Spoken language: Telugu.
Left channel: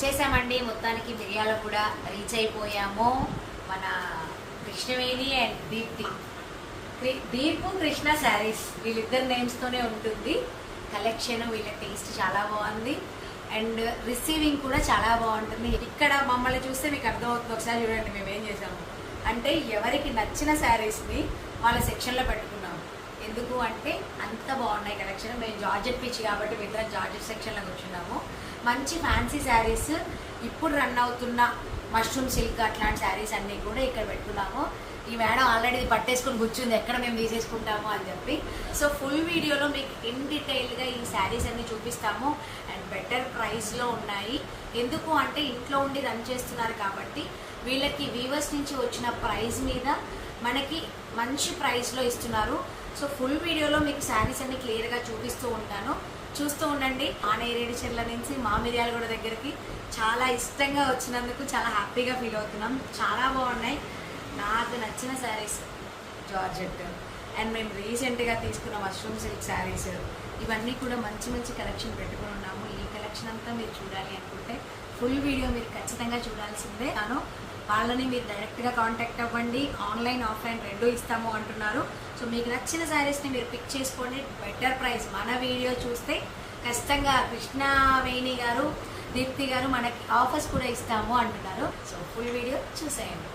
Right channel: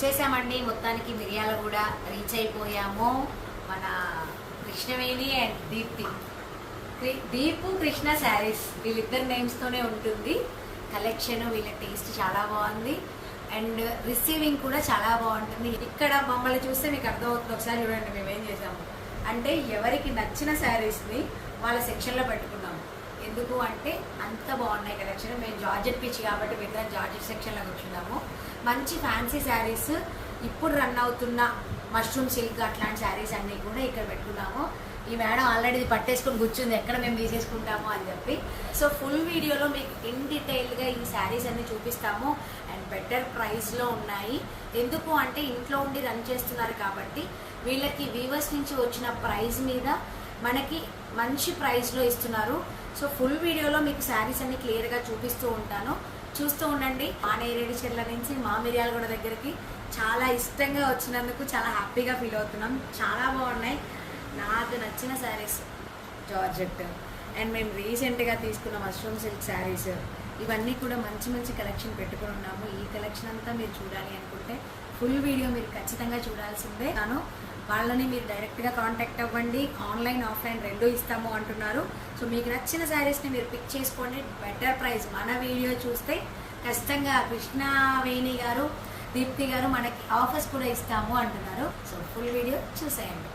వచ్చేసామండి. మొత్తానికి మిరియాల కూడా రీచ్ అయిపోయాము. మన కృష్ణవేణి అండ్ దీపు కృష్ణ శారీస్ వీళ్ళిద్దరు నేమ్స్ తోనే ఉంటుంది కలెక్షన్. వీళ్ళ టేస్ట్ చాలా బాగుంది అండ్ రిసీవింగ్ కూడా చాలా బాగుంటుంది. ఇక్కడ మమ్మల్ని చూస్తే మీకు అర్థమవుతుంది. ఒకసారి చూడండి మేము ఏం చేసాము అంటే ఎవరికి నచ్చిన శారీస్ ని వాళ్ళ సెక్షన్ లో పెట్టుకున్నాము. ఎందుకు అంటే అంత బాగున్నాయి కలెక్షన్. మేము జార్జెట్ పిచ్చి కాబట్టి మిగతా జార్జెట్ సెక్షన్ లో కూర్చున్నాము. మంచి ఫ్యాన్సీ శారీస్, ఇప్పుడు రన్ అవుతున్న మష్రూమ్ సిల్క్ అట్లాంటి శారీస్ అన్ని కూడా ఇక్కడ పెట్టుకున్నాము. ఈ మేడం ఆల్రెడీ పట్టేసుకుని కూర్చుంది ఎక్కడ మేము తీసేసుకుంటాము అని చెప్పి. సో ఫుల్ వీడియోలో మీకు ఇన్ డీటెయిల్ గా ఈ శారీస్ అన్ని చూపిస్తాము అండ్ బెటర్ ప్రైస్ లో ఉన్నాయి. ఎందుకు అంటే ఇంట్లో ఉండి రన్ చేస్తున్నారు కాబట్టి వీళ్ళకి వీవర్స్ నుంచి వచ్చిన ప్రైస్ మీద మనకి మంచి ప్రైస్ లో ఇస్తున్నారు. సో ఫుల్ వీడియోలో మీకు శారీస్ అన్ని క్లియర్ గా చూపిస్తూ ఉంటాను, చూస్తూ ఉండండి. ఆనేరేడి చెర్ల నుంచి మా మిర్యాలగూడ దగ్గరికి చాలా ఇష్టంగా వచ్చినందుకు చాలా హ్యాపీగా ఫీల్ అవుతున్నాం. చాలా బాగున్నాయి. నాకు నచ్చిన శారీస్ జార్జెట్ అండ్ మేము రీసెంట్ గా తీసుకున్న మష్రూమ్ సిల్క్ శారీస్ ఇవన్నీ కూడా మంచి మంచి కలెక్షన్ పెట్టుకుని ఉన్నాము. ఈ కలెక్షన్ అంతా మీరు చూడాలి అనుకుంటే ఫుల్ వీడియో మీరు ఖచ్చితంగా చూడాల్సిందే. వాళ్ళని మీరు డైరెక్ట్ గా కాంటాక్ట్ అవ్వండి. ఆన్లైన్ ఆఫ్లైన్ రెండు ఇస్తాము అంటున్నారు. సో మీకు నచ్చిన శారీస్ ని మీరు పిక్ చేసుకోండి. Better price. మన వీడియో చూస్తే ఖచ్చితంగా కృష్ణవేణి గారు, దీప్తి గారు మనకి ఆఫర్స్ కూడా ఇస్తాము అంటున్నారు. సో ఫుల్ వీడియో చూసేయండి.